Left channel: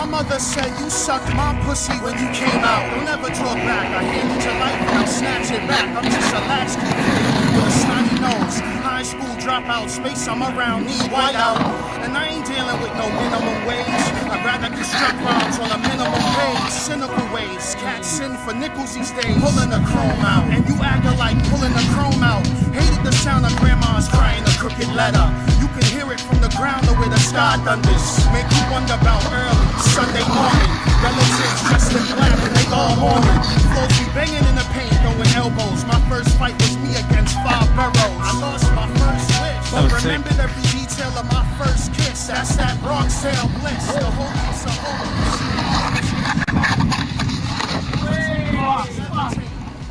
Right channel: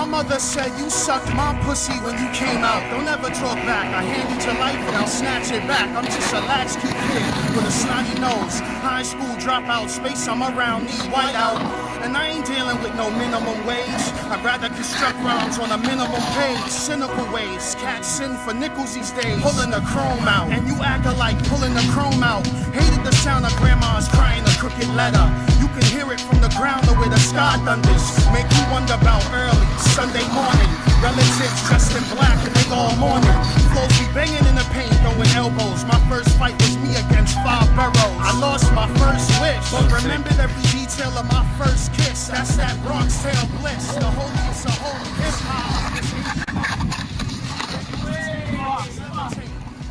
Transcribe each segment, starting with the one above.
My mother said you sucked my pussy when you came out. Don't ever talk back. I handed your life and I'll snatch it back. I'm just a latchkey kid with a snotty nose. High school dropout, space I'm around, need white out. And I ain't dealing with no minimum wage. I'd rather construct rhymes on a minimum page. Cynical ways, cats sin for nickels these days. Pulling the chrome out, and you acting like pulling the chrome out. Hated the sound of grandma's crying a crooked letter. You can hear it from the ground or where the sky thunders. Make you wonder about early Sunday morning. Relatives dressed in black and they all mourning. Flows be banging in the paint, throwing elbows. My first fight was me against 5 boroughs. I lost my first wish, but remembered every detail of my first kiss. That's that Bronx tale bliss. The holiest of holy hip hop.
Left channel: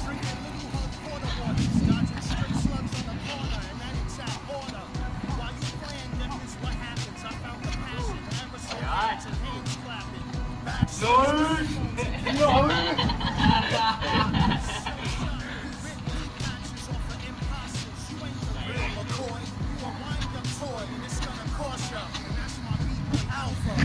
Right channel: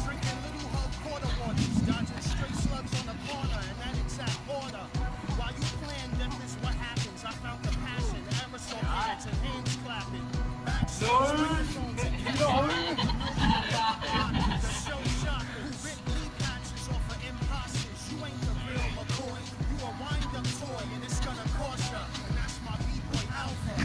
Drinking little hug quarter waters, dodging stray slugs on the corner in that exact order. While you plan, death is what happens. I found the passion, aerosol cans and hands clapping. Backstories, microphones and cameras. The show shot who ripped lead patches off of imposters. You ain't the real McCoy. You a wind-up toy, and it's gonna cost ya. And that's my B-boy Alpha.